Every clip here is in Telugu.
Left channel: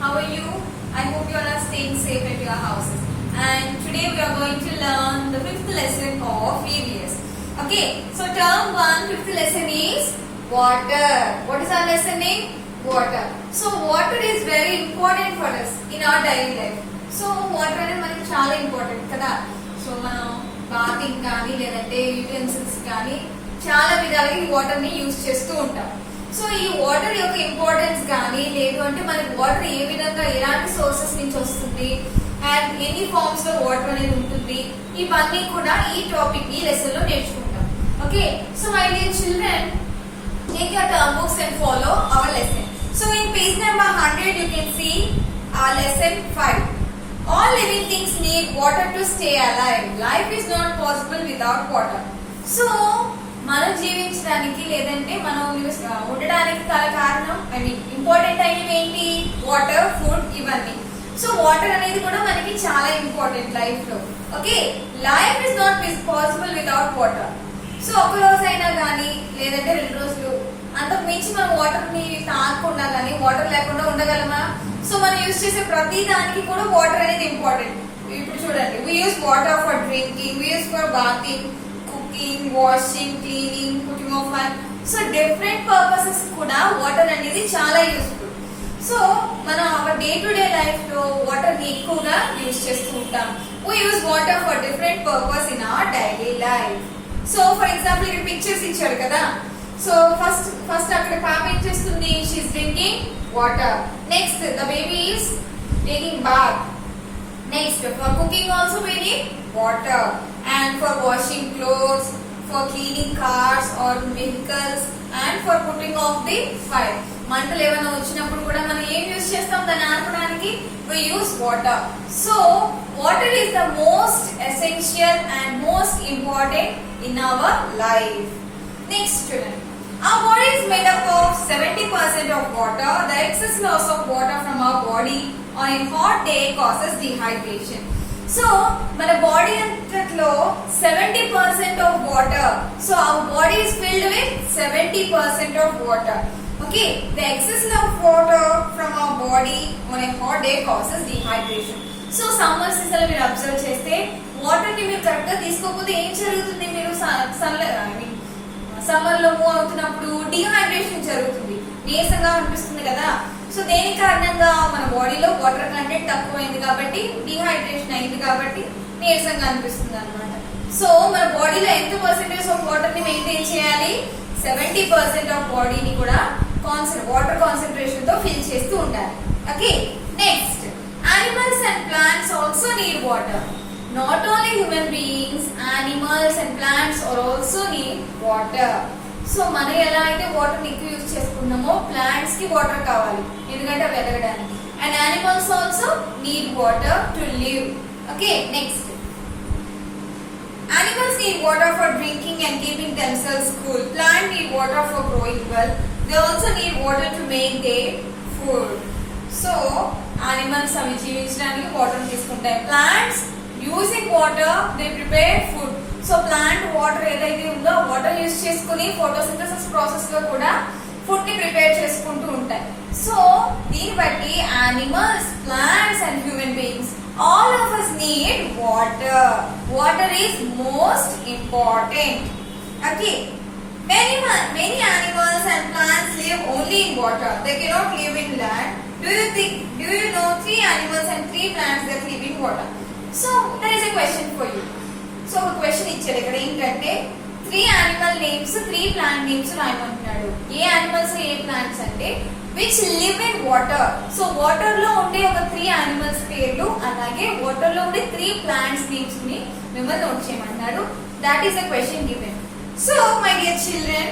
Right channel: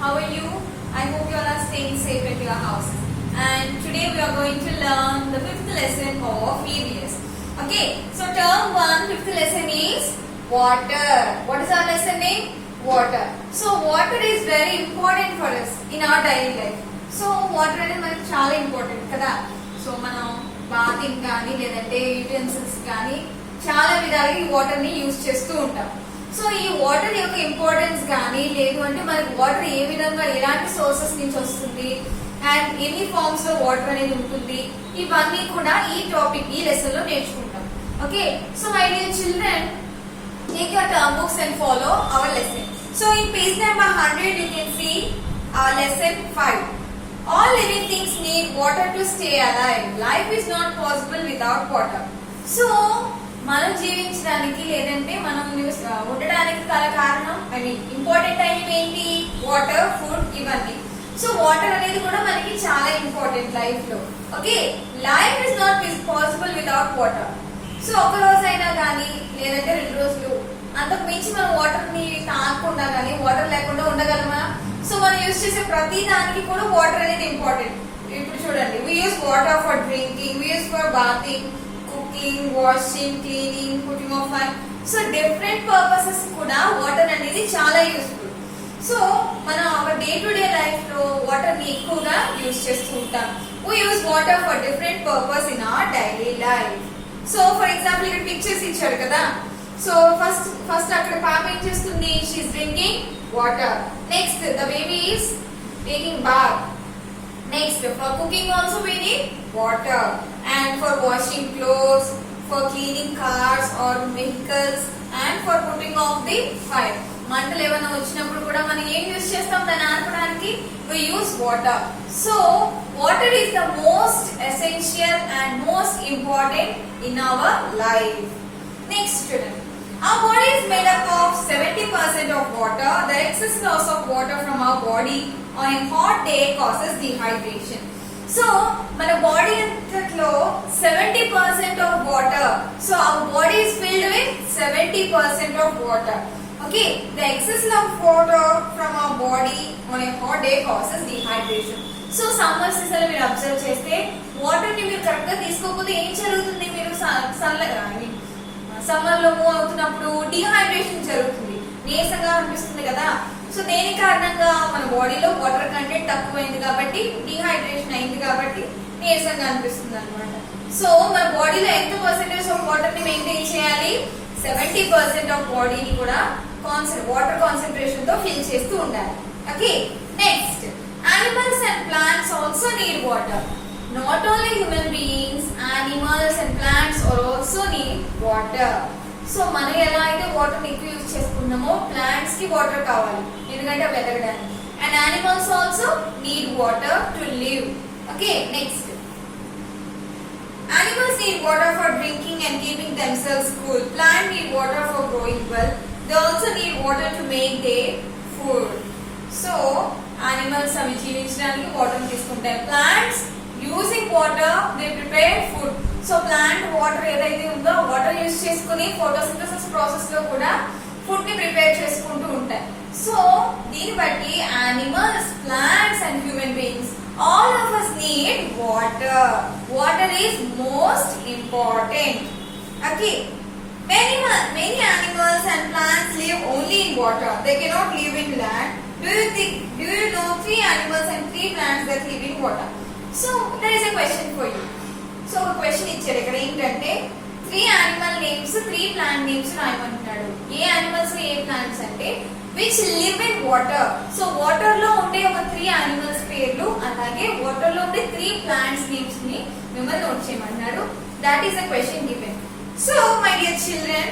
How are you? I hope you all are staying safe at your houses. And today we are going to learn the fifth lesson of EVS. Okay, so term 1, fifth lesson is water. What is our lesson name? Water. So water is very important for us in our daily life. So water అనేది మనకి చాలా ఇంపార్టెంట్ కదా. సో మనం బాతింగ్ కానీ లేదంటే యూటెన్సిల్స్ కానీ చాలా విధాలుగా ఈ వాటర్ ని యూజ్ చేస్తూ ఉంటాం. సో ఈ వాటర్ యొక్క ఇంపార్టెన్స్ కానీ లేదు అంటే మనకి వాటర్ ఏ విధంగా ఎలాంటి సోర్సెస్ నుంచి వస్తుంది అండ్ ఎన్ని ఫార్మ్స్ లో వాటర్ అనేది ఉంటుంది ఇవన్నీ కూడా ఈ టాపిక్ ఈ లెసన్ లో నేర్చుకుంటాం. Okay, so my dear children, take your term books and follow our lesson. So in page number 100 you can see our lesson 5. All living things need water to stay alive. Life is not possible without water. So మనం జీవించడానికి లేదంటే మనం ఉండడానికి గల కారణం ఇంపార్టెంట్ అయినవి ఏంటి? వాటర్, ఫుడ్, ఇవన్నీ. సో వాటర్ అనేది కూడా మనకి చాలా ఇంపార్టెంట్ లైఫ్ లో. Okay, life is not possible without water. So ఒక రోజు అయినా కానీ లేదంటే 2 రోజులు అంతకు మించి మనం వాటర్ ని తాగకుండా కానీ వాటర్ లేకుండా ఉండగలమా? సో మనం యూజ్ చేసే ప్రతి దానికి కూడా వాటర్ అనేది ఇంపార్టెంట్. ఇప్పుడు చూడండి, we use water for drinking, we use for bathing, cooking, washing, cleaning, putting of fire. So different purposes కూడా వాటర్ అనేది చాలా యూస్ఫుల్. సో మనం hour day to day life లో వాటర్ ని ఎక్కువగా యూజ్ చేస్తూ ఉంటాం. we use water for different purpose in our daily life. So for example ఇక్కడ పిక్చర్స్ ఇచ్చాడు కదా. సో ఫస్ట్ అక్కడ పాప ఏం చేస్తుంది? She is drinking water. Next the baby is taking bath. Next, for cooking also we need water, and for washing clothes, for cleaning cars or vehicles, and for putting off the fire. మంటలు ఏమైనా వచ్చినప్పుడు కూడా మనం ఏం యూజ్ చేస్తాం దాన్ని ఆర్పడానికి? we use water. So water is the most essential and most important in our life. Next student, our body is made up of 70% of water. The excess loss of water from our body on a hot day causes dehydration. So మన బాడీ అంతట్లో 70% of water. So our body is filled with 70% of water. Okay, the excess of water from our body on a hot day causes dehydration. So summer season లో మీరు అబ్జర్వ్ చేస్తే వాటర్ ని మీరు కరెక్ట్ గా తీసుకోకపోతే ఏం జరుగుతుంది? మీరు సమ్మర్ లో మూవ్ అవుతున్నప్పుడు డిహైడ్రేషన్ జరుగుతుంది, నీరసంగా అనిపిస్తుంది కదా. సో దేని కారణంగా? మన బాడీలో వాటర్ కంటెంట్ తక్కువైంది కాబట్టి, డిహైడ్రేషన్ అయింది కాబట్టి నీరసంగా అనిపిస్తుంది అనమాట. సో మన బాడీలో ఎంత పర్సెంటేజ్ ఆఫ్ వాటర్ ని మెయింటైన్ చేయాలి? 70% ఆఫ్ బాడీని కూడా వాటర్ కాన్సన్ట్రేషన్ తో ఫిల్ చేస్తూ ఉండాలి. Okay, next, animals and plants also need water. Not only human beings, animals and plants also need water. So మనం ఎలా అయితే వాటర్ ని ఎక్కువ యూజ్ చేసుకున్నామో ప్లాంట్స్ కి వాటర్ కావాలి ఎందుకంటే అవి ఎదగడానికి. And animals also need water to live. Okay, next, animals need water for drinking and keeping themselves cool. Plants need water for growing well. They also need water to make their food. So animals అవి జీవించడానికి వాటర్ తీసుకుంటాయి. Plants using water they prepare food. So plant water ఏదైతే ఉందో వాటర్ యూజ్ చేసుకుని ఫోటోసింథసిస్ ప్రాసెస్ లో కూడా ఫుడ్ ని ప్రిపేర్ చేసుకుంటూ ఉంటాయి. సో దీన్ని బట్టి animals, plants and human beings all of us need water. Water is most important. Okay, many animals and plants live only in water. They cannot live in land. Do you know 3 animals and 3 plants that live in water? So there is a question for you. So ఒక క్వశ్చన్ ఇచ్చాడు ఇక్కడ ఏంటంటే 3 animal names 3 plant names రాయమంటున్నాడు. ఏ animals ఏ plants అంటే which live in water. So water లో ఉండే ఒక 3 animals పేర్లు అలాగే వాటర్ లో ఉండే 3 plants names ని మిమ్మల్ని నోట్ చేయమంటున్నాడు. That is the question given. So my dear children,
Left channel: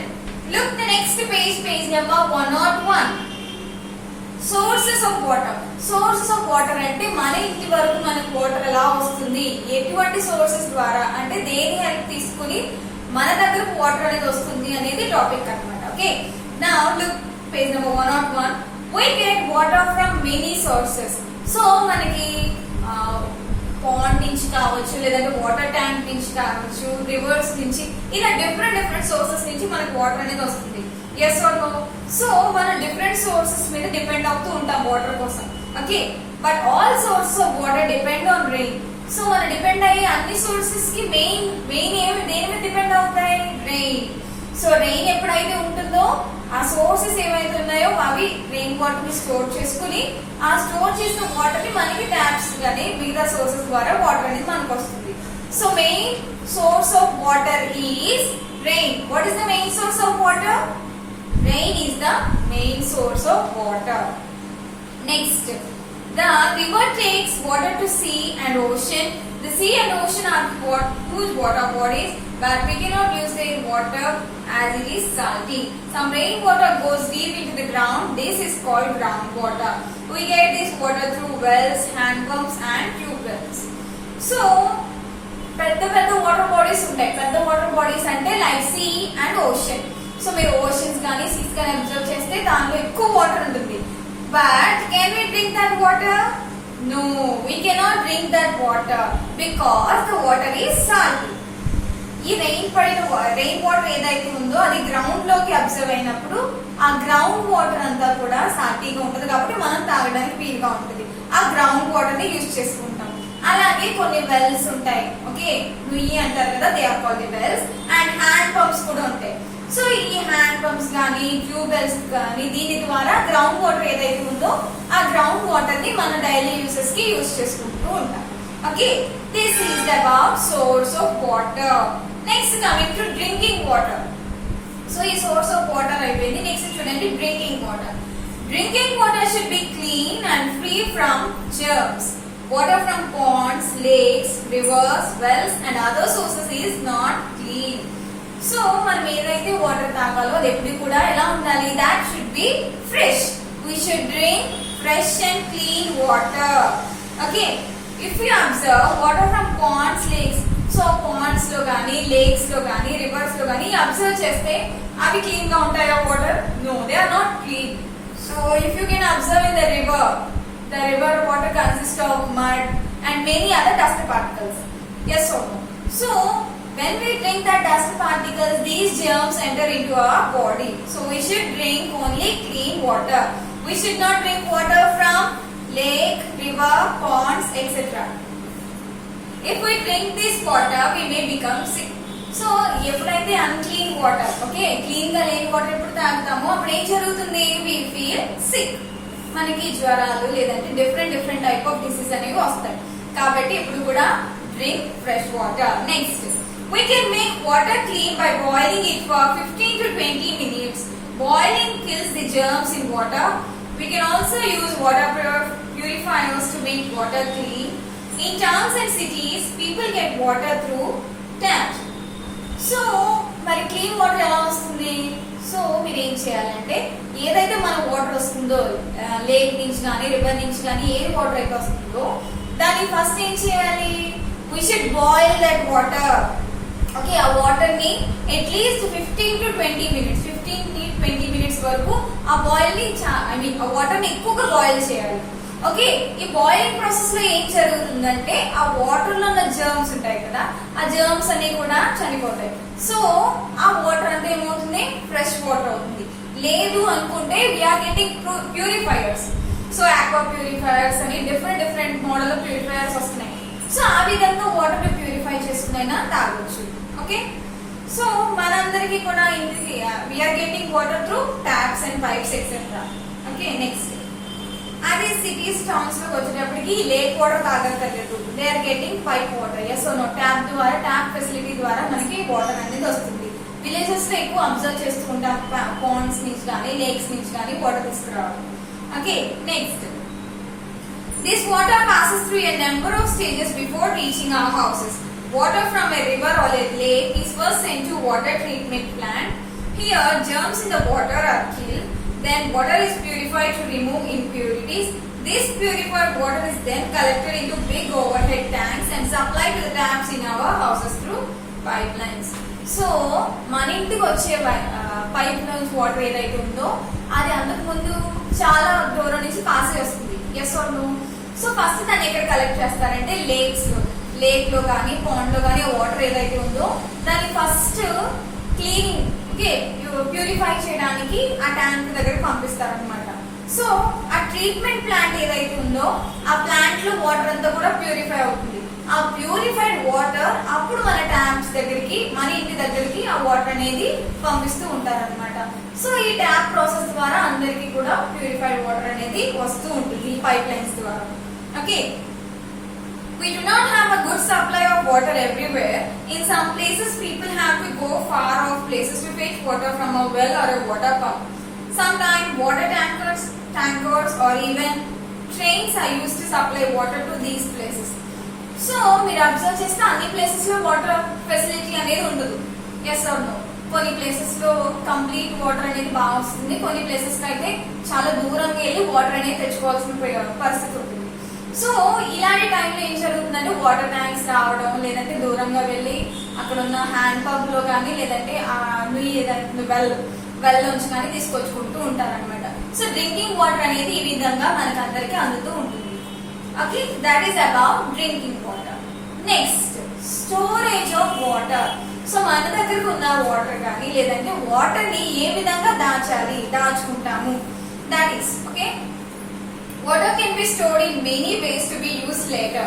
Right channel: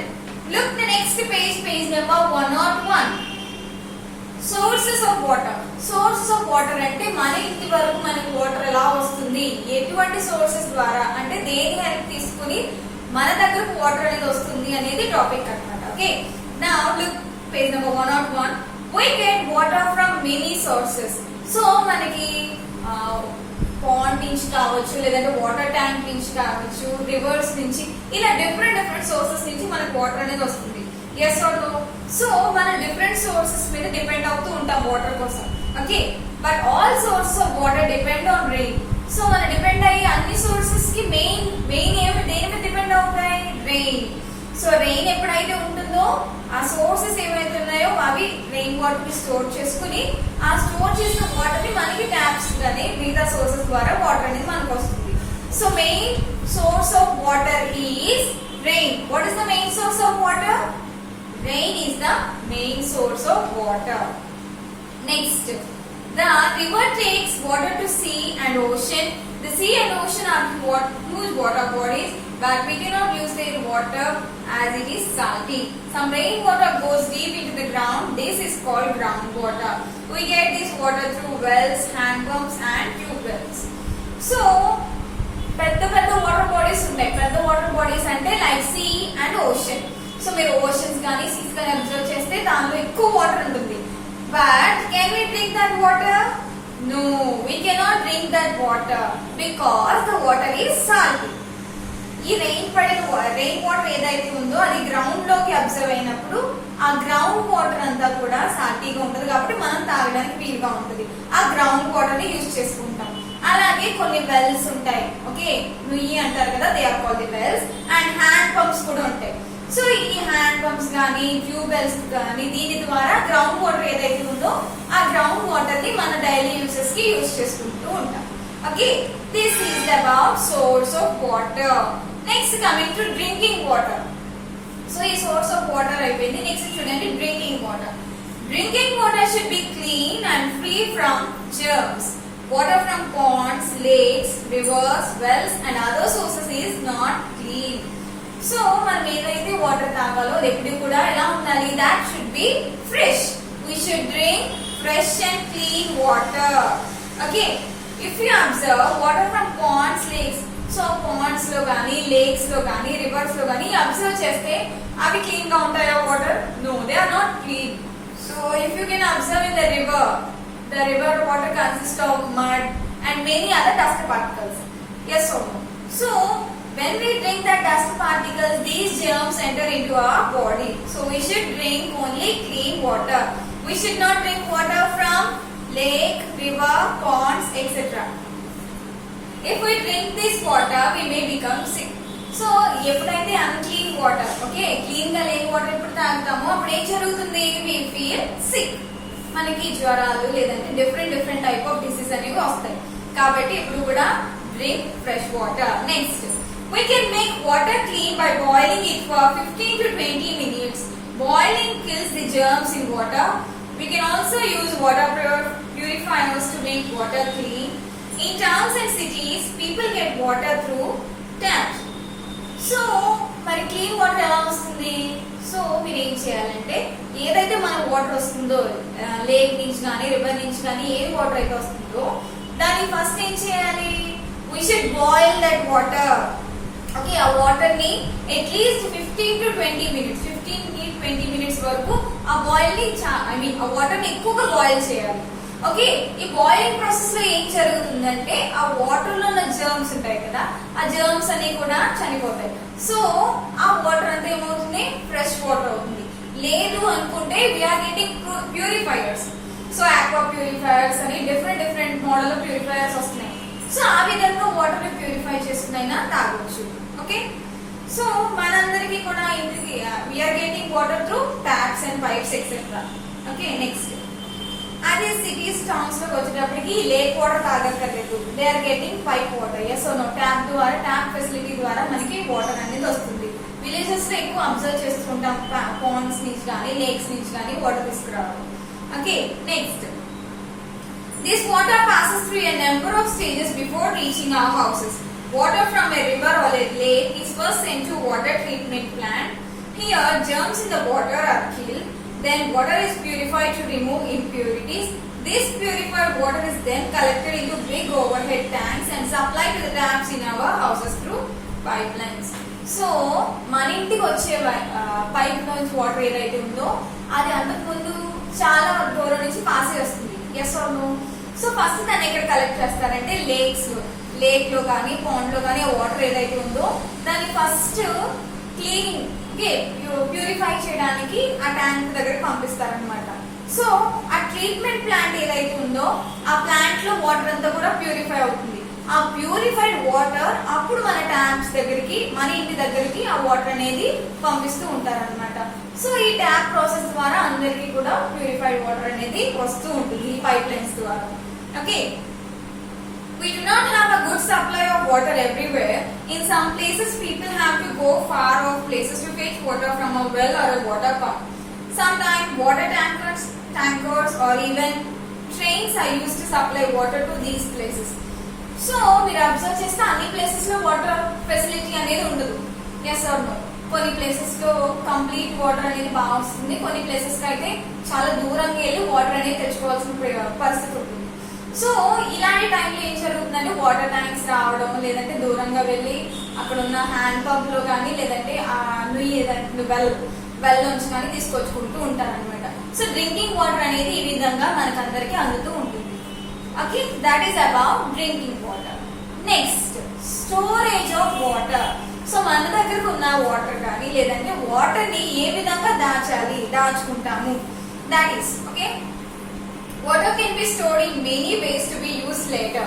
look the next page number 101. Sources of water. Sources of water అంటే మన ఇంటి వరకు మనకు వాటర్ ఎలా వస్తుంది, ఎటువంటి సోర్సెస్ ద్వారా అంటే దేని హెల్ప్ తీసుకుని మన దగ్గరకు వాటర్ అనేది వస్తుంది అనేది టాపిక్ అన్నమాట. Okay, now look page number 101. we get water from many sources. So మనకి పాండ్ నుంచి కావచ్చు లేదంటే వాటర్ ట్యాంక్ నుంచి కావచ్చు, రివర్స్ నుంచి, ఇలా డిఫరెంట్ సోర్సెస్ నుంచి మనకు వాటర్ అనేది వస్తుంది. Yes or no? సో మనం డిఫరెంట్ సోర్సెస్ మీద డిపెండ్ అవుతూ ఉంటాం వాటర్ కోసం. Okay, but all sources of water depend on rain. So మనం డిపెండ్ అయ్యే అన్ని సోర్సెస్ కి మెయిన్ ఏమి దేని మీద డిపెండ్ అవుతాయి? రెయిన్. సో రెయిన్ ఎప్పుడైతే ఉంటుందో ఆ సోర్సెస్ ఏవైతే ఉన్నాయో అవి రెయిన్ వాటర్ ని స్టోర్ చేసుకుని ఆ స్టోర్ చేసిన వాటర్ ని మనకి ట్యాప్స్ కానీ మిగతా సోర్సెస్ ద్వారా వాటర్ అనేది మనకు వస్తుంది. So main source of water is rain. What is the main source of water? Rain is the main source of water. Next, the river takes water to sea and ocean. The sea and ocean are huge water bodies, but we cannot use their water as it is salty. Some rainwater goes deep into the ground. This is called groundwater. We get this water through wells, hand pumps, and tube wells. So, పెద్ద వాటర్ బాడీస్ ఉంటాయి. పెద్ద వాటర్ బాడీస్ అంటే like sea and ocean. So మీరు ఓషన్స్ కానీ సీస్ కానీ అబ్జర్వ్ చేస్తే దానిలో ఎక్కువ వాటర్ ఉంటుంది. But can we drink that water? No, we cannot drink that water because the water is salty. ఈ రెయిన్ వాటర్ ఏదైతే ఉందో అది గ్రౌండ్ లోకి అబ్జర్వ్ అయినప్పుడు ఆ గ్రౌండ్ వాటర్ అంతా కూడా సాల్టీగా ఉంటుంది కాబట్టి మనం తాగడానికి వీలుగా ఉంటుంది. ఆ గ్రౌండ్ వాటర్ ని యూజ్ చేసుకుంటాం. అలాగే కొన్ని వెల్స్ ఉంటాయి. ఓకే, నుయ్యి అంటారు కదా, they are called the wells. And hand pumps కూడా ఉంటాయి. సో ఈ హ్యాండ్ పంప్స్ కానీ ట్యూబ్ వెల్స్ కానీ దీని ద్వారా గ్రౌండ్ వాటర్ ఏదైతే ఉందో ఆ గ్రౌండ్ వాటర్ ని మన డైలీ యూసెస్ కి యూజ్ చేసుకుంటూ ఉంటాం. Okay, this is about source of water. Next coming to drinking water. So ఈ సోర్స్ ఆఫ్ వాటర్ అయిపోయింది. నెక్స్ట్ చూడండి drinking water. Drinking water should be clean and free from germs. Water from ponds, lakes, rivers, wells and other sources is not clean. So మనం ఏదైతే వాటర్ తాగాలో అది ఎప్పుడు కూడా ఎలా ఉండాలి? That should be fresh. We should drink fresh and clean water. Okay, if you observe water from ponds, lakes, so ponds లో గానీ lakes లో గానీ rivers లో గానీ అబ్జర్వ్ చేస్తే అవి క్లీన్ గా ఉంటాయా water? No, they are not clean. So if you can observe in the river water consists of mud and many other dust particles. Yes or no? So when we drink that dust particles, these germs enter into our body. So we should drink only clean water. We should not drink water from lake, river, ponds, etc. If we drink this water, we may become sick. So ఎప్పుడైతే అన్క్లీన్ వాటర్, ఓకే, క్లీన్ గా లేని వాటర్ ఎప్పుడు తాగుతామో అప్పుడు ఏం జరుగుతుంది? We feel sick. మనకి జ్వరాలు లేదంటే డిఫరెంట్ టైప్ ఆఫ్ డిసీజ్ అనేవి వస్తాయి. కాబట్టి ఇప్పుడు కూడా drink fresh water. Next, we can make water clean by boiling it for 15 to 20 minutes. Boiling kills the germs in water. We can also use water purifiers to make water clean. In towns and cities, people get water through taps. So మరి క్లీన్ వాటర్ ఎలా వస్తుంది? సో మీరు ఏం చేయాలంటే ఏదైతే మన వాటర్ వస్తుందో లేక్ నుంచి కానీ రివర్ నుంచి కానీ ఏ వాటర్ అయితే వస్తుందో దాన్ని ఫస్ట్ ఏం చేయాలి? We should boil that water. Okay, ఆ వాటర్ ని at least 15 to 20 minutes 15 to 20 minutes వరకు ఆ బాయిల్ ని ఆ వాటర్ ని ఎక్కువగా బాయిల్ చేయాలి. ఓకే, ఈ బాయిలింగ్ ప్రాసెస్ లో ఏం జరుగుతుందంటే ఆ వాటర్ లో ఉన్న జర్మ్స్ ఉంటాయి కదా, ఆ జర్మ్స్ అన్ని కూడా చనిపోతాయి. సో ఆ వాటర్ అంతా ఏమవుతుంది? ఫ్రెష్ వాటర్ అవుతుంది. లేదు అనుకుంటే we are getting purifiers. So aqua purifiers అని డిఫరెంట్ మోడల్ లో ప్యూరిఫైయర్స్ వస్తున్నాయి. సో ఆ విధంగా వాటర్ ని ప్యూరిఫై చేసుకునైనా తాగొచ్చు. ఓకే, సో మనందరికీ కూడా we are getting water through taps and pipes etcetera. Okay, next అదే సిటీస్ టౌన్స్ లోకి వచ్చేటప్పటికి లేక్ వాటర్ తాగక్కర్లేదు. They are getting pipe water. Yes no, tap ద్వారా ట్యాప్ ఫెసిలిటీ ద్వారా మనకి వాటర్ అనేది వస్తుంది. విలేజెస్ లో ఎక్కువ అబ్జర్వ్ చేస్తుంటాం పాండ్స్ నుంచి కానీ లేక్స్ నుంచి కానీ వాటర్ తీసుకురావడం. Okay, next, this water passes through a number of stages before reaching our houses. Water from a river or a lake is first sent to water treatment plant. Here germs in the water are killed. Then water is purified to remove impurities. This purified water is then collected into big overhead tanks and supplied to the taps in our houses through pipelines. So మన ఇంటికి వచ్చే పైప్ నుంచి వాటర్ ఏదైతే ఉందో అది అంతకు ముందు చాలా దూరం నుంచి పాస్ వస్తుంది. Yes or no? So first దాన్ని ఎక్కడ కలెక్ట్ చేస్తారంటే లేక్ లో కానీ పాండ్ లో కానీ వాటర్ ఏదైతే ఉందో దాన్ని ఫస్ట్ క్లీనింగ్ ఓకే, ప్యూరిఫై చేయడానికి ఆ ట్యాంక్ దగ్గర పంపిస్తారనమాట. సో ఆ ట్రీట్మెంట్ ప్లాంట్ ఏదైతే ఉందో ఆ ప్లాంట్ లో వాటర్ అంతా కూడా ప్యూరిఫై అవుతుంది. ఆ ప్యూరిఫైడ్ వాటర్ అప్పుడు మన ట్యాప్స్ దగ్గరికి, మన ఇంటి దగ్గరికి ఆ వాటర్ అనేది పంపిస్తూ ఉంటారన్నమాట. సో ఈ ట్యాప్ ప్రాసెస్ ద్వారా అందరికీ కూడా ప్యూరిఫైడ్ వాటర్ అనేది వస్తూ ఉంటుంది ఈ పైప్ లైన్స్ ద్వారా. Okay, we do not have a good supply of water everywhere. In some places people have to go far off places to fetch water from a well or a water pump. Sometimes water tankers or even trains are used to supply water to these places. So మీరు అబ్జర్వ్ చేస్తే అన్ని ప్లేసెస్ లో వాటర్ ఫెసిలిటీ అనేది ఉండదు. Yes or no? కొన్ని ప్లేసెస్ లో కంప్లీట్ వాటర్ అనేది బాగా వస్తుంది, కొన్ని ప్లేసెస్ కి అయితే చాలా దూరంగా వెళ్ళి వాటర్ అనేది తెచ్చుకోవాల్సిన పరిస్థితి ఉంటుంది. సో ఇలాంటి టైంలో ఏం జరుగుతుందంటే వాటర్ ట్యాంక్స్ రావడం, లేదంటే దూరంగా వెళ్ళి అక్కడ ఉన్న హ్యాండ్ పంప్ లో కానీ లేదంటే ఆ నుయ్యి ఏదైతే వెల్ నుంచి కానీ తీసుకొచ్చుకుంటూ ఉంటారనమాట. సో డ్రింకింగ్ వాటర్ అనేది ఈ విధంగా మనకందరికి అందుతూ ఉంటుంది. Okay, that is about drinking water. Next, storage of water. So మన దగ్గరకు ఉన్న వాటర్ కానీ లేదంటే వాటర్ ని ఏ విధంగా దాచుకుంటాము, that is okay. Water can be stored in many ways to be used later.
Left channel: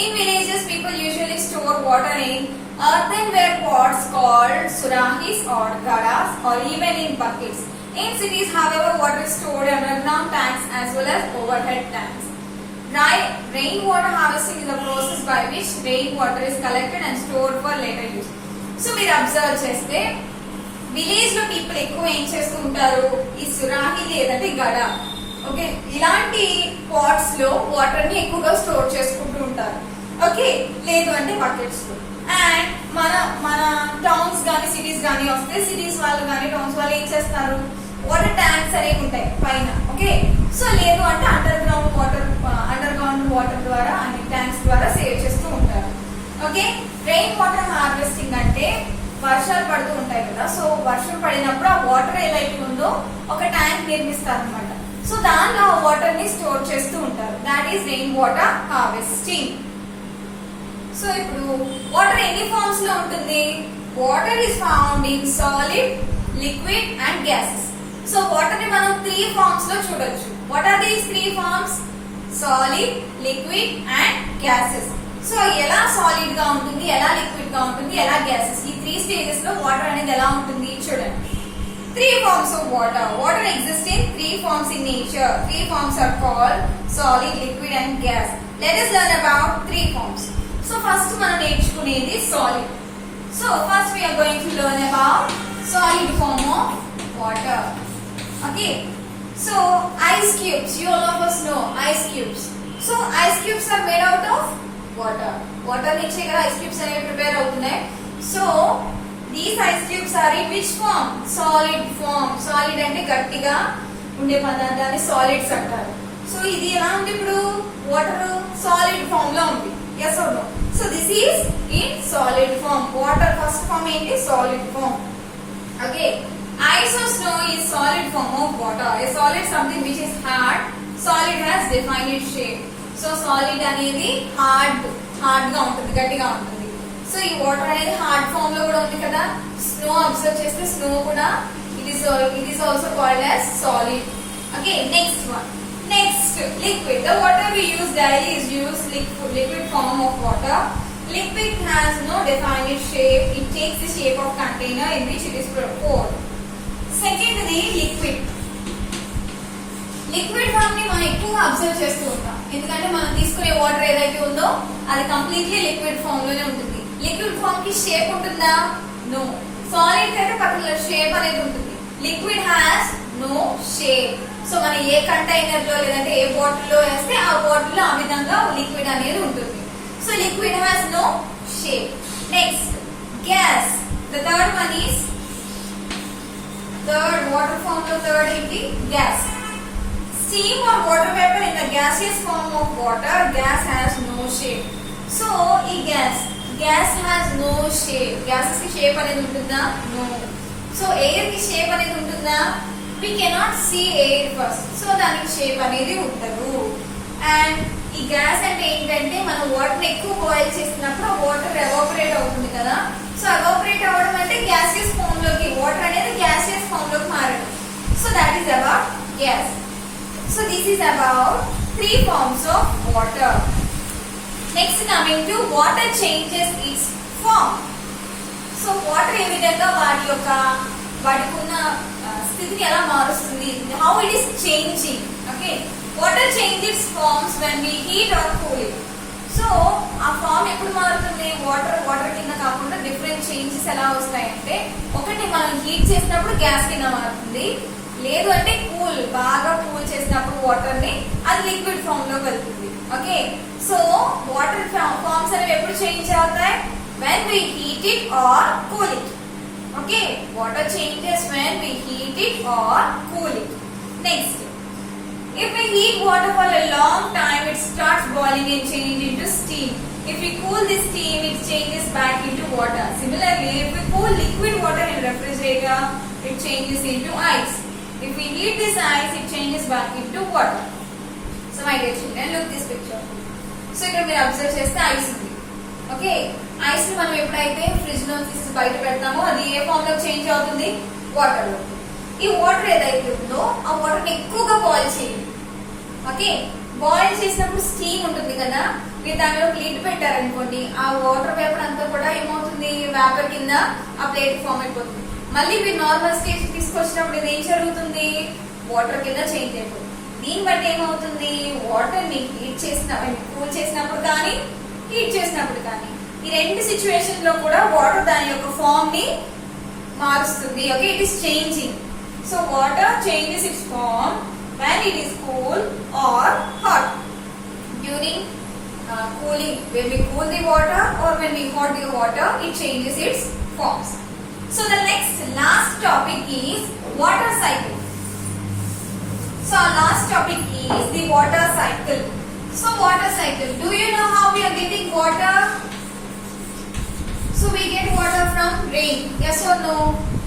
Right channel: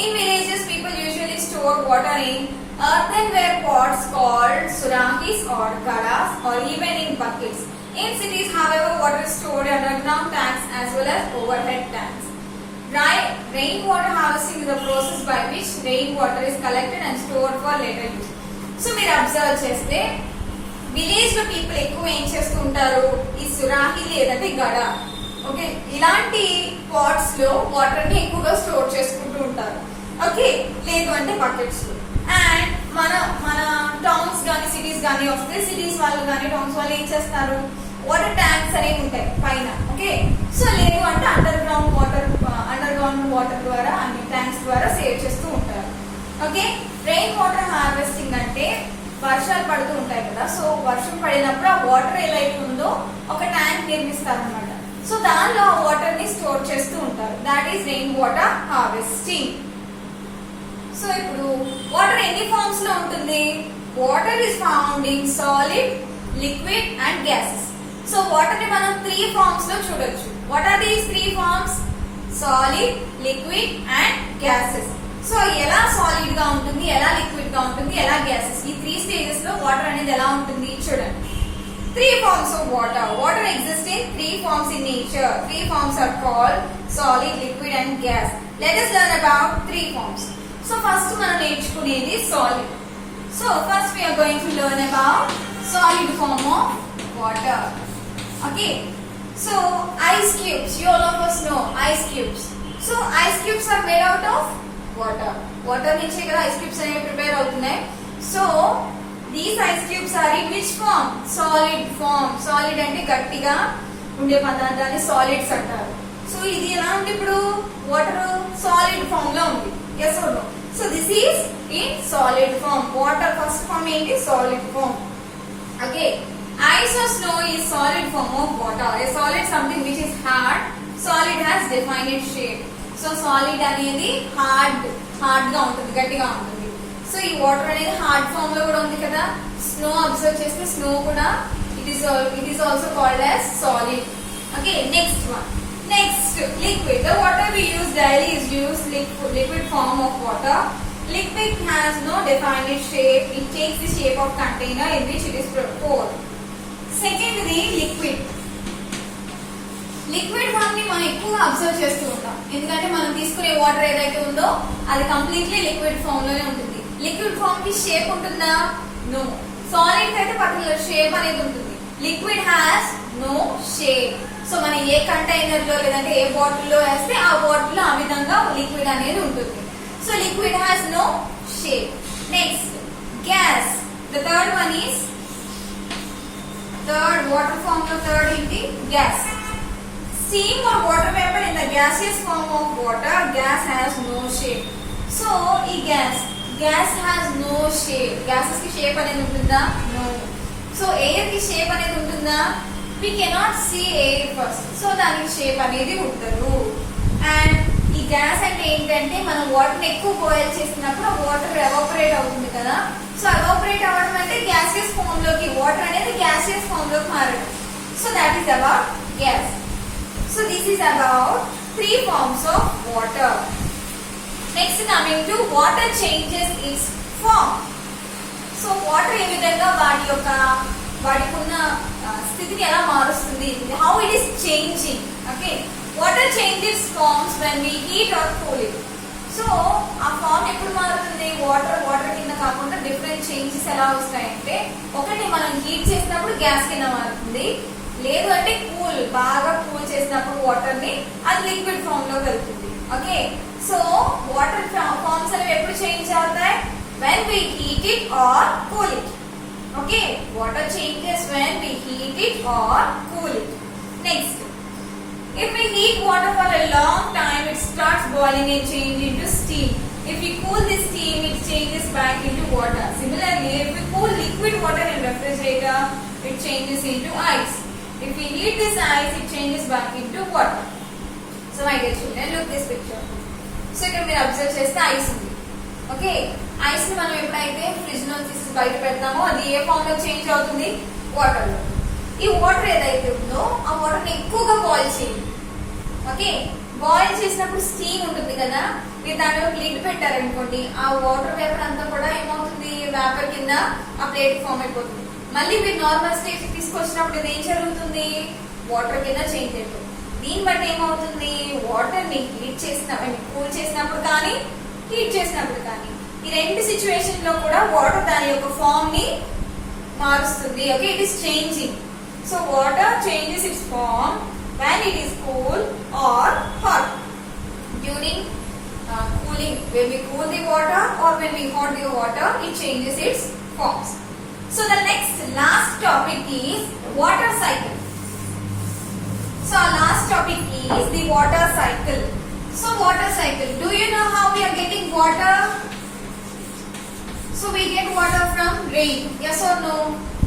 In villages, people usually store water in earthenware pots called surahis or garas, or even in buckets. In cities, however, water is stored in underground tanks as well as overhead tanks. Rainwater harvesting is a process by which rainwater is collected and stored for later use. So, మీరు అబ్జర్వ్ చేస్తే విలేజ్ లో పీపుల్ ఎక్కువ ఏం చేస్తూ ఉంటారు, ఈ సురాహి లేదంటే గడ, ఓకే, ఇలాంటి పాట్స్ లో వాటర్ ని ఎక్కువగా స్టోర్ చేసుకుంటూ ఉంటారు. ఓకే, లేదు అంటే బకెట్స్ లో. అండ్ మన టౌన్స్ గానీ సిటీస్ గానీ వస్తే సిటీస్ వాళ్ళు గానీ టౌన్స్ వాళ్ళు ఏం చేస్తారు, వాటర్ ట్యాంక్స్ అనేవి ఉంటాయి పైన. ఓకే, సో లేదు అంటే అండర్ గ్రౌండ్ వాటర్ ద్వారా అన్ని ట్యాంక్స్ ద్వారా సేవ్ చేస్తూ ఉంటారు. ఓకే, రెయిన్ వాటర్ హార్వెస్టింగ్ అంటే వర్షాలు పడుతూ ఉంటాయి కదా, సో వర్షం పడినప్పుడు ఆ వాటర్ ఏదైతే ఉందో ఒక ట్యాంక్ నిర్మిస్తారు అనమాట. సో దానిలో ఆ వాటర్ ని స్టోర్ చేస్తూ ఉంటారు. That is rain water harvesting. So ఇప్పుడు వాటర్ ఎన్ని ఫార్మ్స్ లో ఉంటుంది? Water is found in solid, liquid and gases. So water ని మనం 3 ఫార్మ్స్ లో చూడొచ్చు. What are these 3 forms? Solid, liquid and gases. So ఎలా సాలిడ్ గా ఉంటుంది, ఎలా లిక్విడ్ గా ఉంటుంది, ఎలా గ్యాసెస్, ఈ 3 స్టేజెస్ లో వాటర్ అనేది ఎలా ఉంటుంది చూడండి. 3 forms of water. Water exists in 3 forms in nature. 3 forms are called solid, liquid and gas. Let us learn about 3 forms. So first మనం నేర్చుకునేది solid. So first we are going to learn about solid form of water. Okay. So ice cubes. You all of us know ice cubes. So ice cubes are made out of water. Water నుంచే కదా ice cubes అనేవి ప్రిపేర్ అవుతున్నాయి. So these ice cubes are in which form? Solid form. Solid అంటే గట్టిగా ఉండే పదార్థాన్ని సాలిడ్స్ అంటారు. సో ఇది ఎలా ఉంది ఇప్పుడు? వాటర్ సాలిడ్ ఫామ్ లో ఉంది. yes or no? So this is in solid form. Water first form ఏంటి? Solid form. Okay. Ice or snow is solid form of water. A solid something which is hard. Solid has defined shape. So solid అనేది హార్డ్ గా ఉంటుంది, గట్టిగా ఉంటుంది. సో ఈ వాటర్ అనేది హార్డ్ ఫామ్ లో కూడా ఉంది కదా. స్నో అబ్జర్వ్ చేస్తే స్నో కూడా it is also called as solid. Okay, next one. Next, liquid. The water we use daily is use liquid form of water. Liquid has no defined shape. It takes the shape of container in which it is poured. Second the liquid. Liquid form ని మనం ఎక్కువగా అబ్జర్వ్ చేస్తూ ఉంటాం, ఎందుకంటే మనం తీసుకునే వాటర్ ఏదైతే ఉందో అది కంప్లీట్లీ లిక్విడ్ ఫామ్ లోనే ఉంటుంది. లిక్విడ్ ఫామ్ కి షేప్ ఉంటుందా? నో. సాలిడ్ అయితే పర్టికులర్ షేప్ అనేది ఉంటుంది. Liquid has no shape. So మనం ఏ కంటైనర్ లో లేదంటే ఏ బాటిల్ లో వేస్తే ఆ బాటిల్ లో ఆ విధంగా లిక్విడ్ అనేది ఉంటుంది. So liquid has no shape. Next, gas. The third one is water form లో థర్డ్ ఏంటి? Gas. Steam or water vapor in the gaseous form of water. Gas has no shape. So, ఈ gas has no shape. Gases కి షేప్ అనేది ఉంటుందా? No. So, air కి షేప్ అనేది ఉంటుందా? We cannot see air first. So, దానికి షేప్ అనేది ఉండదు. అండ్ ఈ గ్యాస్ అంటే ఏంటంటే మనం మనం వాటర్ ఎక్కువ బాయిల్ చేసినప్పుడు వాటర్ ఎవాపరేట్ అవుతుంది కదా. సో ఎవాపరేట్ అవ్వడం అంటే గ్యాసియస్ ఫామ్ లోకి, వాటర్ అనేది గ్యాసియస్ ఫామ్ లోకి మారడం. So that is about gas. So this is about 3 forms of water. Next coming to water changes its form. So water ఏ విధంగా వాటికి ఉన్న స్థితిని ఎలా మారుస్తుంది, how it is changing. Okay, water changes forms when we heat or cool it. So ఆ ఫార్మ్ ఎప్పుడు మారుతుంది, వాటర్ కింద కాకుండా డిఫరెంట్ చేంజెస్ ఎలా వస్తాయంటే, ఒకటి మనం హీట్ చేసినప్పుడు గ్యాస్ కింద మారుతుంది, లేదు అంటే బాగా కూల్ చేసినప్పుడు వాటర్ ని అది లిక్విడ్ ఫామ్ లో వెళ్తుంది. ఓకే, సో వాటర్ ఫార్మ్స్ అనేవి ఎప్పుడు చేంజ్ అవుతాయి, when we heat it or cool it. Okay, water changes when we heat it or cool it. Next, if we heat water for a long time, it starts boiling and change into steam. If we cool this steam, it changes back into water. Similarly, if we cool liquid water in refrigerator, it changes into ice. If we heat this ice, it changes back into water. So my dear children, look this picture. So ఇక్కడ మీరు అబ్జర్వ్ చేస్తే ఐస్ ఉంది. ఓకే, ఐస్ ని మనం ఎప్పుడైతే ఫ్రిడ్జ్ లో తీసి బయట పెడతామో అది ఏ ఫామ్ లో చేంజ్ అవుతుంది, వాటర్ లో. ఈ వాటర్ ఏదైతే ఉందో ఆ వాటర్ ని ఎక్కువగా బాయిల్ చేయండి. ఓకే, బాయిల్ చేసినప్పుడు స్టీమ్ ఉంటుంది కదా, మీరు దానిలో లిడ్ పెట్టారనుకోండి, ఆ వాటర్ వేపర్ అంతా కూడా ఏమవుతుంది, వేపర్ కింద ఆ ప్లేట్ ఫామ్ అయిపోతుంది. మళ్ళీ మీరు నార్మల్ స్టేజ్ తీసుకొచ్చినప్పుడు ఇది ఏం జరుగుతుంది, వాటర్ కింద చేంజ్ అయిపోతుంది. దీన్ని బట్టి ఏమవుతుంది, వాటర్ ని హీట్ కూల్ చేసినప్పుడు కానీ హీట్ చేసినప్పుడు కానీ ఈ రెండు సిచ్యువేషన్ లో కూడా వాటర్ దాని యొక్క ఫామ్ ని మారుస్తుంది. Okay, it is changing. So water changes its form when it is cool or hot. During cooling, when we cool the water or when we hot the water, it changes its forms. So the last topic is water cycle. So our last topic is the water cycle. So water cycle, do you know how we are getting water? So we get water from rain, yes or no?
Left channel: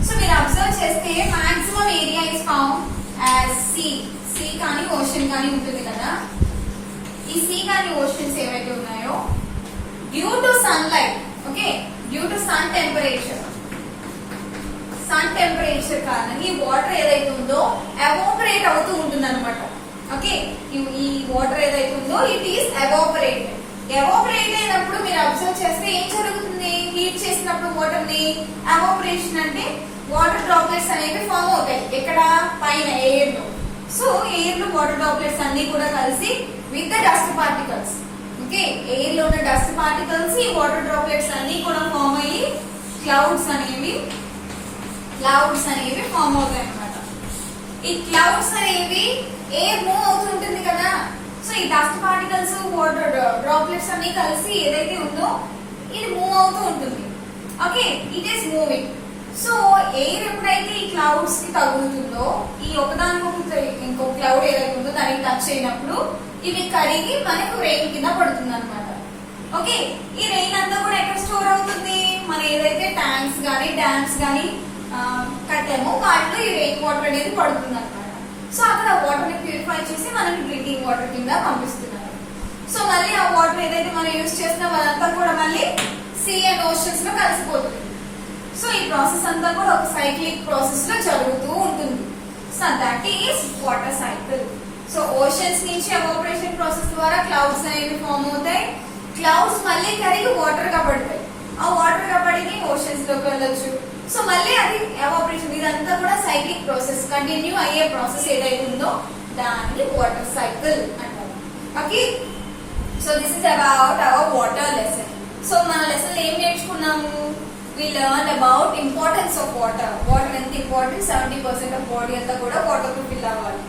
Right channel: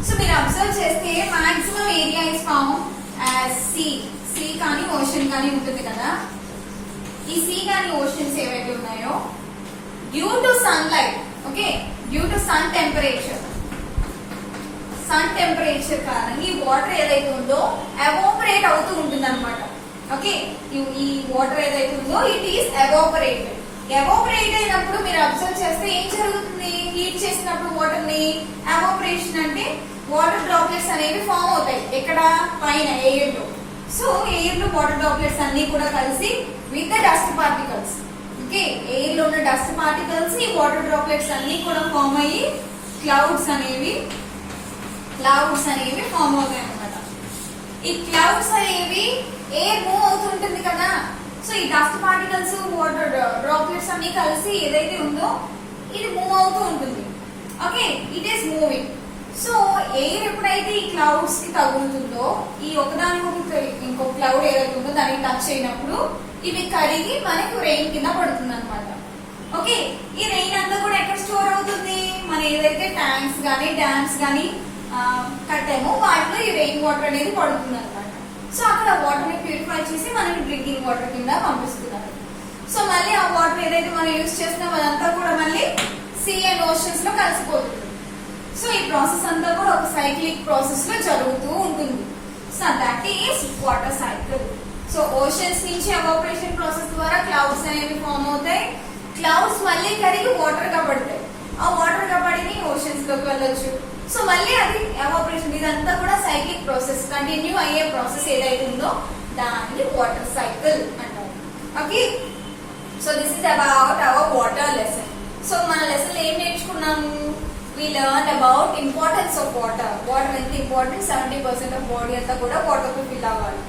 So మీరు అబ్జర్వ్ చేస్తే maximum area is found as sea కానీ ఓషన్ కానీ ఉంటుంది కదా. ఈ సీ కానీ ఓషన్స్ ఏవైతే ఉన్నాయో due to sunlight, okay, due to sun temperature కారణంగా ఈ వాటర్ ఏదైతే ఉందో ఎవాపరేట్ అవుతూ ఉంటుంది అనమాట. ఓకే, ఈ వాటర్ ఏదైతే ఉందో ఇట్ ఈస్ ఎవాపరేటెడ్. ఎవాపరేట్ అయినప్పుడు మీరు అబ్జర్వ్ చేస్తే ఏం జరుగుతుంది, హీట్ చేసినప్పుడు వాటర్ ని ఎవాపరేషన్ అంటే వాటర్ డ్రాప్లెట్స్ అనేవి ఫామ్ అవుతాయి. ఎక్కడ, పైన ఎయిర్ లో. సో ఎయిర్ లో వాటర్ డ్రాప్లెట్స్ అన్ని కూడా కలిసి with the dust particles, okay, air లో ఉన్న డస్ట్ పార్టికల్స్ ఈ వాటర్ డ్రాప్లెట్స్ అన్ని కూడా ఫామ్ అయ్యి క్లౌడ్స్ అనేవి ఫామ్ అవుతాయి అన్నమాట. ఈ క్లౌడ్స్ అనేవి ఎయిర్ మూవ్ అవుతుంటుంది కదా. సో ఈ డస్ట్ పార్టికల్స్ వాటర్ డ్రాప్లెట్స్ అన్ని కలిసి ఏదైతే ఉందో ఇది మూవ్ అవుతూ ఉంటుంది. Okay, it is moving. So air ఎప్పుడైతే ఈ క్లౌడ్స్ కి తగులుతుందో, ఈ ఒకదానికి ఇంకో క్లౌడ్ ఏదైతే ఉందో దానికి టచ్ అయినప్పుడు ఇవి కరిగి మనకు రెయిన్ కింద పడుతుంది అనమాట. ఓకే, ఈ రెయిన్ అంతా కూడా ఎక్కడ స్టోర్ అవుతుంది, మన ఏదైతే ట్యాంక్స్ గానీ డ్యామ్స్ గానీ కట్టామో వాటిలో ఈ రెయిన్ వాటర్ అనేది పడుతుంది అనమాట. సో అక్కడ వాటర్ ని ప్యూరిఫై చేసి మనకి డ్రింకింగ్ వాటర్ కింద పంపిస్తున్నారు. సో మళ్ళీ ఆ వాటర్ ఏదైతే మనం యూజ్ చేస్తున్నాం అదంతా కూడా మళ్ళీ సీ అండ్ ఓషన్స్ లో కలిసిపోతుంది. సో ఈ ప్రాసెస్ అంతా కూడా ఒక సైక్లిక్ ప్రాసెస్ లో జరుగుతూ ఉంటుంది. So that is water cycle. So oceans నుంచి ఎవాపరేషన్ ప్రాసెస్ ద్వారా క్లౌడ్స్ అనేవి ఫామ్ అవుతాయి. క్లౌడ్స్ మళ్ళీ కరిగి వాటర్ గా పడతాయి. ఆ వాటర్ గా పడి ఓషన్స్ లోకి వెళ్ళొచ్చు. సో మళ్ళీ అది ఎవాపరేషన్, ఇదంతా కూడా సైక్లిక్ ప్రాసెస్, కంటిన్యూ అయ్యే ప్రాసెస్ ఏదైతే ఉందో దాన్ని వాటర్ సైకిల్ అంటారు. Okay, so this is about our water lesson. So మన లెసన్ ఏం నేర్చుకున్నాము, we learned about importance of water. Water ఎంత ఇంపార్టెంట్, 70% ఆఫ్ బాడీ అంతా కూడా వాటర్ తో ఫిల్ అవ్వాలి.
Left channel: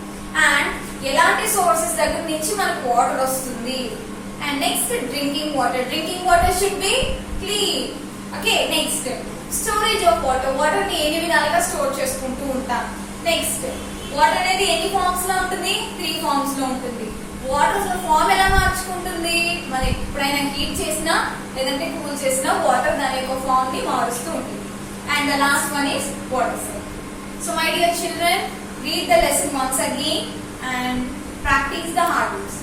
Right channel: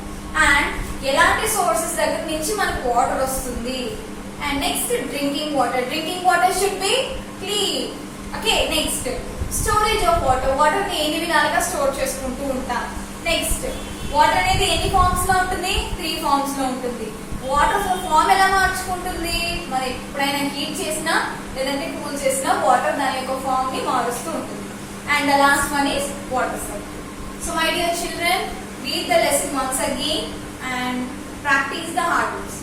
అండ్ ఎలాంటి సోర్సెస్ దగ్గర నుంచి మనకు వాటర్ వస్తుంది. And next drinking water should be clean. Okay, next storage of water ని ఎన్ని విధాలుగా స్టోర్ చేసుకుంటూ ఉంటాం. నెక్స్ట్ వాటర్ అనేది ఎన్ని ఫార్మ్స్ లో ఉంటుంది, 3 forms లో ఉంటుంది. వాటర్ ఫామ్ ఎలా మార్చుకుంటుంది, మనం ఎప్పుడైనా హీట్ చేసినా లేదంటే కూల్ చేసినా వాటర్ దాని యొక్క ఫామ్ ని మారుస్తూ ఉంటుంది. And the last one is water cycle. So my dear children, read the lesson once again and practice the hard words.